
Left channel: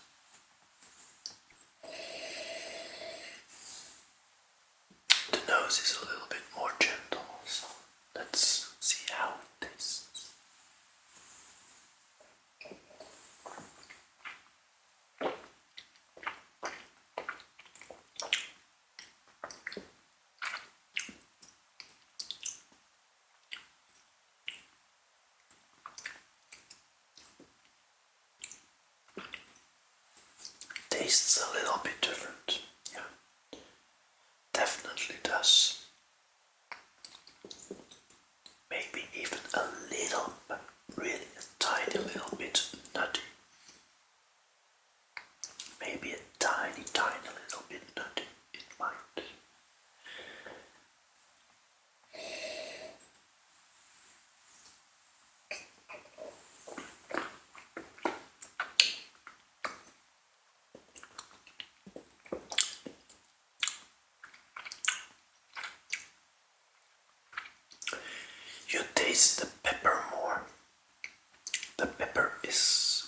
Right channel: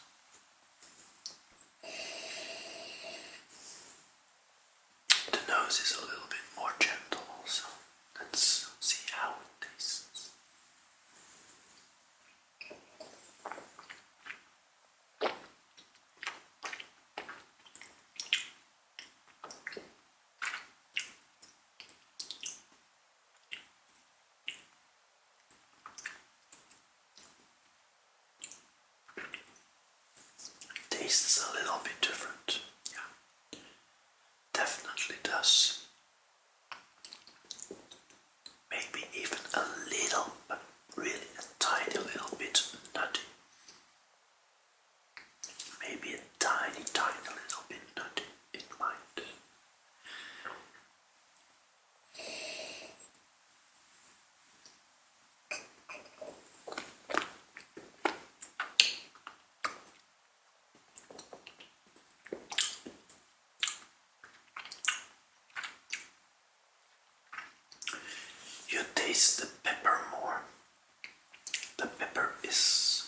The nose is a little bit more gentle, so let's see how it tastes. Tastes a little bit different, yeah. Definitely does. Maybe even a little, but really a tiny little bit nutty. Maybe a tiny little bit nutty, it might. taste the pepper more. The pepper is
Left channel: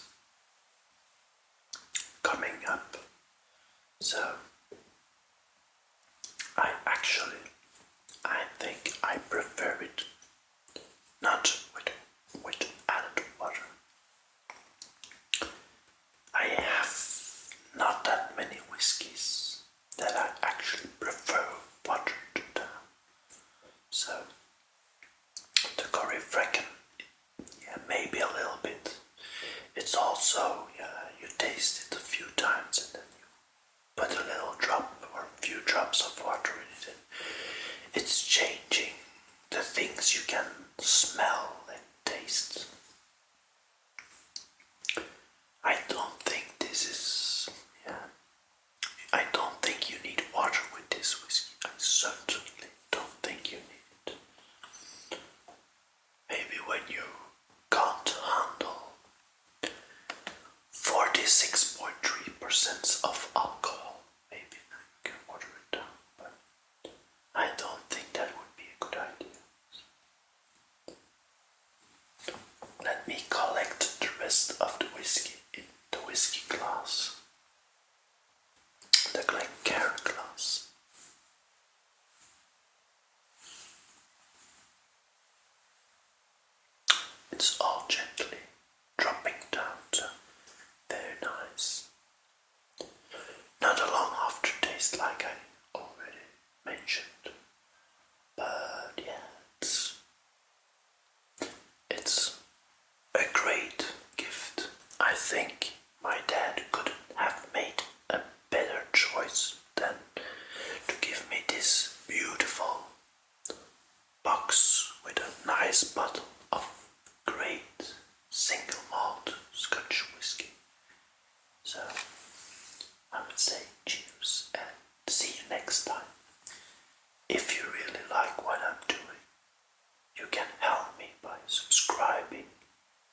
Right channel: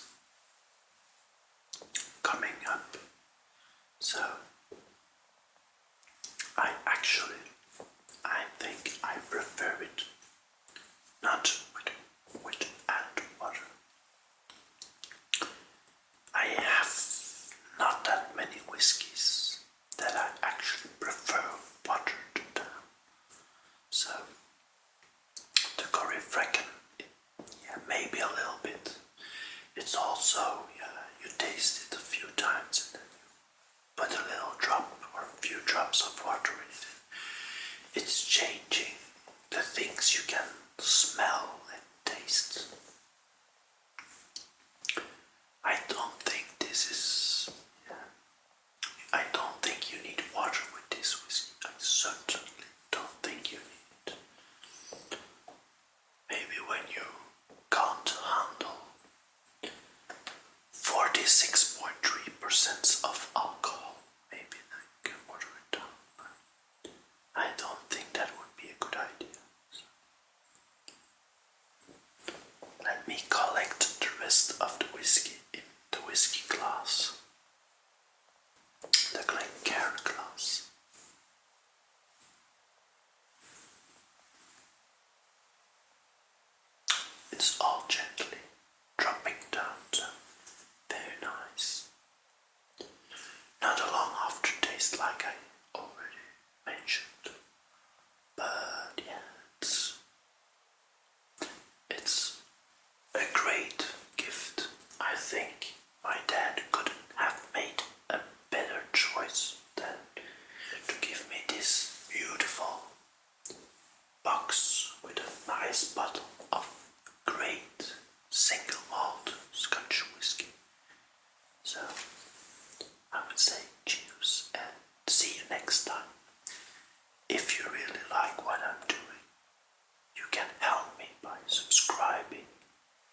coming up, so I think I prefer it not with added water. I have not that many whiskies that I actually prefer watered down. So the curry fracken, yeah, maybe a little bit. It's also, you taste it a few times and then you put a little drop or a few drops of water in it. It's changing the things you can smell and taste. I don't think this is, I don't think you need water with this whiskey. I certainly don't think you need it. Maybe when you can't handle 46.3% of alcohol, maybe then you can water it down, but I don't think that would be a good idea. Let me collect the rest of the whiskey in the whiskey glass, the Glencairn glass. It's all gently dropping down, so very nice. Not a long aftertaste like I already mentioned, but yeah, it's a great gift. I think my dad couldn't have made a better choice than to give me this beautiful box with a nice bottle of great single malt Scotch whiskey. So I would say cheers and see you next time. If you really like what I'm doing, you can help me by subscribing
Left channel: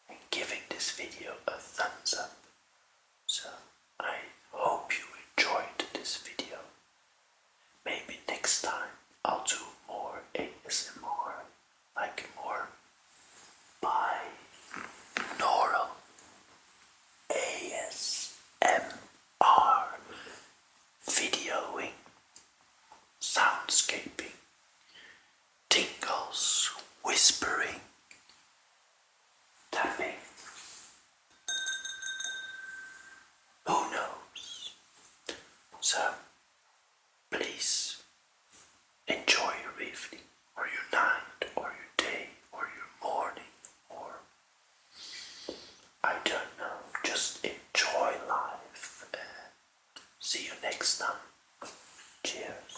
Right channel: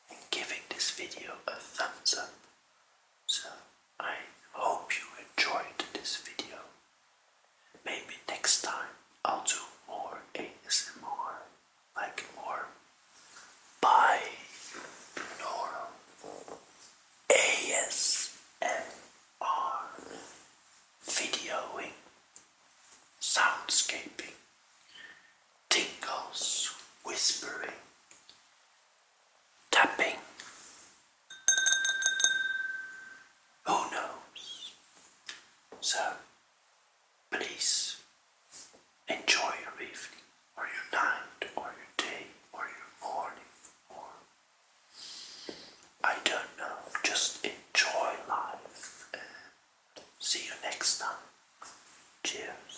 and giving this video a thumbs up. So I hope you enjoyed this video. Maybe next time I'll do more ASMR, like more binaural ASMR, videoing, soundscaping, tingles, whispering, tapping. Who knows? So please enjoy your evening, or your night, or your day, or your morning, or I don't know, just enjoy life and see you next time. Cheers.